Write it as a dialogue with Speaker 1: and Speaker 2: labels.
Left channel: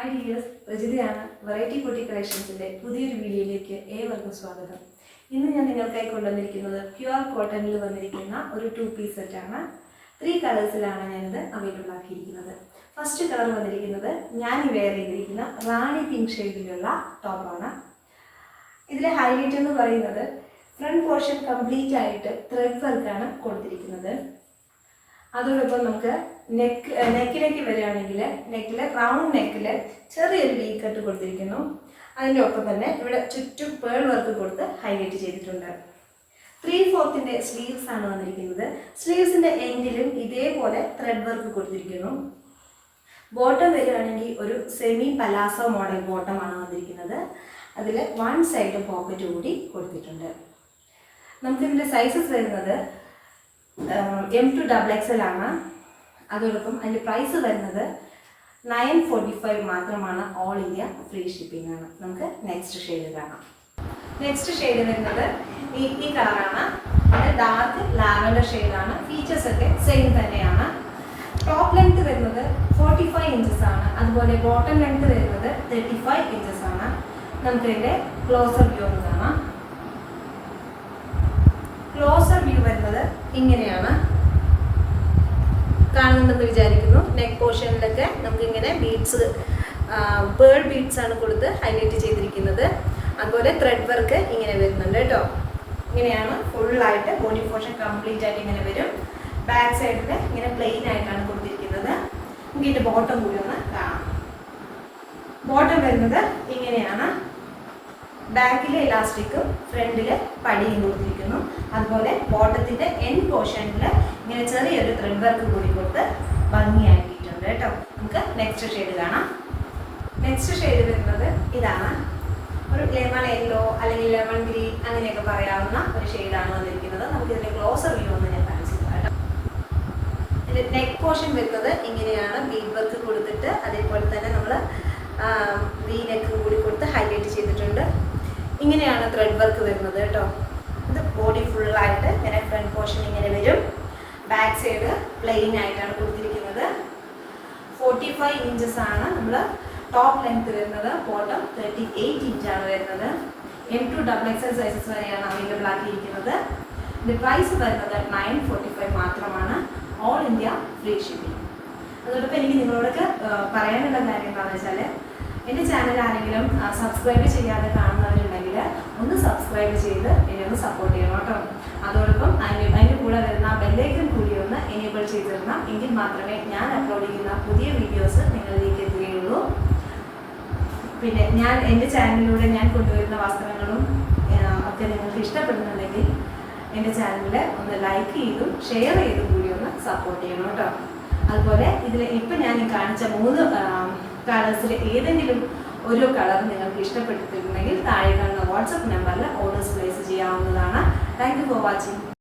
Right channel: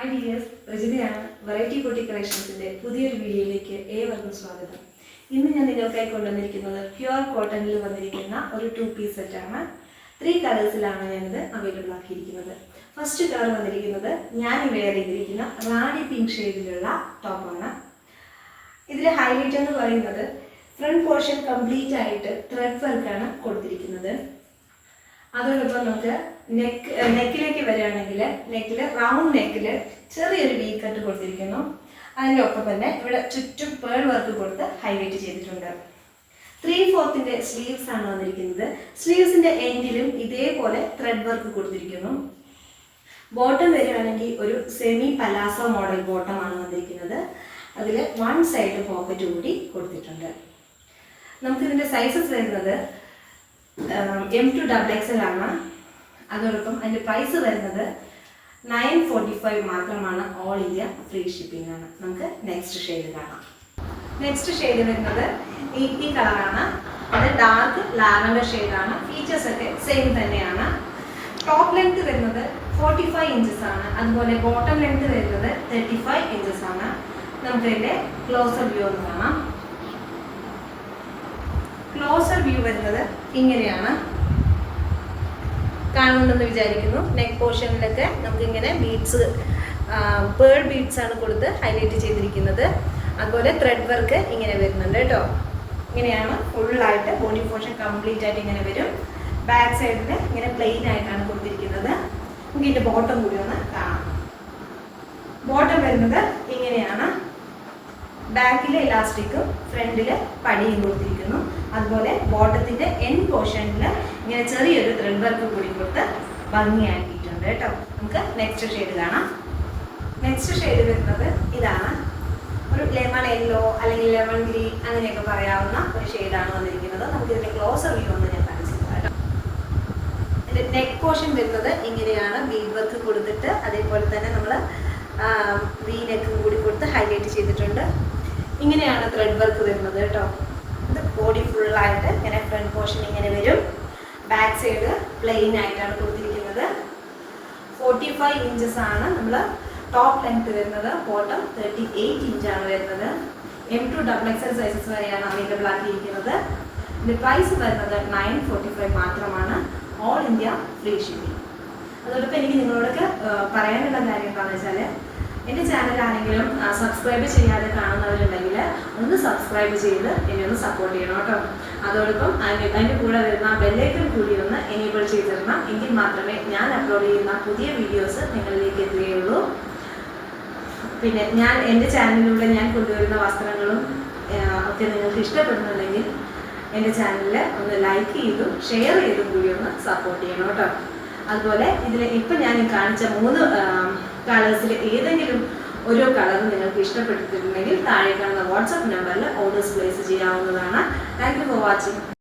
Speaker 1: Hi dears രജിതയാണ് variety കുട്ടി കളക്ഷൻസിന്റെ പുതിയൊരു വീഡിയോയിലേക്ക് ഏവർക്കും സ്വാഗതം. ഇന്ന് ഞാൻ നിങ്ങൾക്കായി കൊണ്ടുവന്നിരിക്കുന്നത് പ്യുവർ കോട്ടണിൽ വന്നിരിക്കുന്ന ഒരു ടു പീസ് സെറ്റാണ് ത്രീ കളേഴ്സിലാണ് ഞാനിത് അവൈലബിൾ ആക്കിയിരിക്കുന്നത്. ഫസ്റ്റ് കളർ വന്നിരിക്കുന്നത് ഞാൻ വെയർ ചെയ്തിരിക്കുന്ന റാണി പിങ്ക് ഷെയ്ഡിലുള്ള ടോപ്പാണ് ഇതിലെ ഹൈലൈറ്റ് എന്ന് പറയുന്നത് ഫ്രണ്ട് പോർഷൻ കംപ്ലീറ്റ് ആയിട്ട് ത്രെഡ് വർക്കാണ് കൊടുത്തിരിക്കുന്നത്. അതോടൊപ്പം നമുക്ക് നെക്ക് നെക്കിലേക്ക് വരികയാണെങ്കിൽ നെക്കിൽ റൗണ്ട് നെക്കിൽ ചെറിയൊരു വീ കട്ട് കൊടുത്തിരിക്കുന്നു. അതിന്റെ ഒപ്പം തന്നെ ഇവിടെ ചുറ്റും പേൾ വർക്ക് കൊടുത്ത് ഹൈലൈറ്റ് ചെയ്തിട്ടുണ്ട്. ത്രീ ഫോർത്തിന്റെ സ്ലീവ്സ് ആണ് വന്നിരിക്കുന്നത്. സ്ലീവ്സിന്റെ എൻഡിലും ഇതേപോലെ ത്രെഡ് വർക്ക് കൊടുത്തിരിക്കുന്നു. ബോട്ടം വരികയാണെങ്കിൽ ഒരു സെമി പലാസോ മോഡൽ ബോട്ടമാണ് വന്നിരിക്കുന്നത്. അതിൽ വൺ സൈഡ് പോക്കറ്റ് കൂടി കൊടുത്തിട്ടുണ്ട്. നമുക്കിതിന്റെ സൈസസ് വരുന്നത് എം ടു ഡബിൾ എക്സൽ ആണ്. അതോടൊപ്പം അതിന്റെ പ്രൈസ് വരുന്നത് നയൻ ഫോർട്ടി ഫൈവ് മാത്രമാണ് ഓൾ ഇന്ത്യ ഫ്രീ ഷിപ്പിംഗ് ആണ്. നമുക്ക് നെക്സ്റ്റ് ഷെയ്ഡ് കാണാം. നെക്സ്റ്റ് ഷെയ്ഡ് വരുന്നത് ഈ ഈ കളറാണ് അത് ഡാർക്ക് ലാവൻഡർ ഷെയ്ഡാണ് ഫീച്ചേഴ്സ് ഒക്കെ സെയിം തന്നെയാണ്. ടോപ്പ് ലെങ്ത് വരുന്നത് ഫോർട്ടി ഫൈവ് ഇഞ്ചസ് ആണ്. അതുപോലെ ബോട്ടം ലെങ്ത് വരുന്നത് തേർട്ടി ഫൈവ് ഇഞ്ചസ് ആണ്. നമുക്ക് ഇതിന്റെ ക്ലോസർ വ്യൂ ഒന്ന് കാണാം. ക്ലോസർ വ്യൂ വരുന്നത് ഇങ്ങനെയാണ്. കാണുന്നുണ്ടെന്ന് വിചാരിക്കുന്നു. നെക്ക് പോർഷനിലൊക്കെ നമുക്ക് ഇങ്ങനെ ബീഡ്സ് പേൾ ബീഡ്സ് ആണ് കൊടുത്ത് ഹൈലൈറ്റ് ചെയ്തിരിക്കുന്നത്. അതുപോലെ ത്രെഡ് വർക്ക് ഇങ്ങനെ വരുന്നുണ്ട് കേട്ടോ. ഇങ്ങനെയാണ് ഫുള്ളായിട്ട് ബോഡി പോർഷൻ കംപ്ലീറ്റ് ആയിട്ട് ഇങ്ങനെ വരും. ബാക്ക് സൈഡിൽ ഇങ്ങനെ പ്ലെയിൻ ആയിട്ടാണ് കൊടുത്തിരിക്കുന്നത്. നമുക്ക് ഇതിന്റെ ബോട്ടം കൂടി ഒന്ന് കാണാം. ബോട്ടം വരുന്നത് ഇങ്ങനെയാണ്. ബാക്കിലെ ഇലാസ്റ്റിക്കും ഫ്രണ്ടിൽ പടിയും കൊടുത്തിരിക്കുന്നു. അതുപോലെ ബോട്ടത്തിന്റെ എൻ പോർഷനിൽ ഇങ്ങനെ ചെറിയൊരു ത്രെഡ് വർക്ക് കൂടി കൊടുത്ത് ഭംഗിയാക്കിയിട്ടുണ്ട് കേട്ടോ. നമുക്ക് നെക്സ്റ്റ് ഷെയ്ഡ് കാണാം. നെക്സ്റ്റ് ഷെയ്ഡ് വരുന്നത് ഇതാണ്. ഒരു ലെമൺ യെല്ലോ അല്ലെങ്കിൽ ലെമൺ ഗ്രീൻ അങ്ങനെയൊക്കെ പറയാവുന്ന ഒരു ഷെയ്ഡാണ് വന്നിരിക്കുന്നത്. നമുക്ക് ഇതിന്റെ ക്ലോസർ വ്യൂ ഒന്ന് ഞാൻ കാണിച്ചു നെക്ക് പോർഷൻ വരുന്നത് ഇങ്ങനെയാണ്. ബീഡ് വർക്ക് കൊടുത്തിട്ട് അതേപോലെ തന്നെ നമ്മൾ ഗ്രീനൊക്കെ നെക്ക് കൂടി കൊടുത്ത് ഹൈലൈറ്റ് ചെയ്തിട്ടുണ്ട്. ഇങ്ങനെയാണ് ത്രെഡ് വർക്ക് വരുന്നത് കേട്ടോ. ഇത് ബോഡി ഫുള്ളായിട്ട് ഇങ്ങനെ ഫ്രണ്ട് പോർഷൻ ഇങ്ങനെ വരും. ബാക്ക് സൈഡ് പ്ലെയിൻ ആയിട്ടാണ് കൊടുത്തിരിക്കുന്നത്. ഫോർട്ടി ഫൈവ് ഇഞ്ചസ് ആണ് നമ്മൾ ടോപ്പ് ലെങ്ത് വരുന്നത്. ബോട്ടം തേർട്ടി എയ്റ്റ് ഇഞ്ചാണ് വരുന്നത്. M to double XL sizes വരെയാണ് അവൈലബിൾ ആക്കിയിരിക്കുന്നത്. ഇതിന്റെ പ്രൈസ് വരുന്നത് നയൻ ഫോർട്ടി ഫൈവ് മാത്രമാണ്. ഓൾ ഇന്ത്യ ഫ്രീ ഷിപ്പിംഗ് അതോടൊപ്പം എനിക്ക് നിങ്ങളോടൊക്കെ പറയാനുള്ള കാര്യം എന്താണെന്ന് വെച്ചാൽ എന്റെ ചാനൽ ആരെങ്കിലും സബ്സ്ക്രൈബ് ചെയ്യാതെ കാണുന്നവരുണ്ടെങ്കിൽ ഒന്ന് സബ്സ്ക്രൈബ് ചെയ്ത് എന്നെ ഒന്ന് സപ്പോർട്ട് ചെയ്യണം കേട്ടോ. അതോടൊപ്പം അതിന് അതിന്റെ കൂടെ വരുന്ന ബെല്ലൈക്കൻ കൂടി ഒന്ന് എനേബിൾ ചെയ്തിരണം എങ്കിൽ മാത്രമേ ഞാൻ അപ്ലോഡ് ചെയ്യുന്ന പുതിയ വീഡിയോസ് നിങ്ങളിലേക്ക് എത്തുകയുള്ളൂ. പിന്നെ ഞാൻ എന്റെ ചാനലിലൂടെ ഞാൻ കൊണ്ടുവരുന്ന വസ്ത്രങ്ങളും ഒക്കെ നിങ്ങൾക്ക് ഇഷ്ടപ്പെടുന്നുണ്ടെങ്കിൽ എന്റെ ചാനലിൽ ഒന്ന് ലൈക്ക് ചെയ്തും ഷെയർ ചെയ്തും കൂടി ഒന്ന് സപ്പോർട്ട് ചെയ്യണം കേട്ടോ. അതുപോലെ ഇതിൽ ഇപ്പം ഞാൻ കാണിച്ച മൂന്ന് കളേഴ്സിൽ ഏതെങ്കിലും ഓരോ കളറും നിങ്ങൾക്ക് ഇഷ്ടപ്പെട്ടിട്ടുണ്ടെങ്കിൽ താഴെ കാണുന്ന വാട്സപ്പ് നമ്പറിൽ ഓർഡേഴ്സ് പ്ലേസ് ചെയ്യാവുന്നതാണ്. Thank you for watching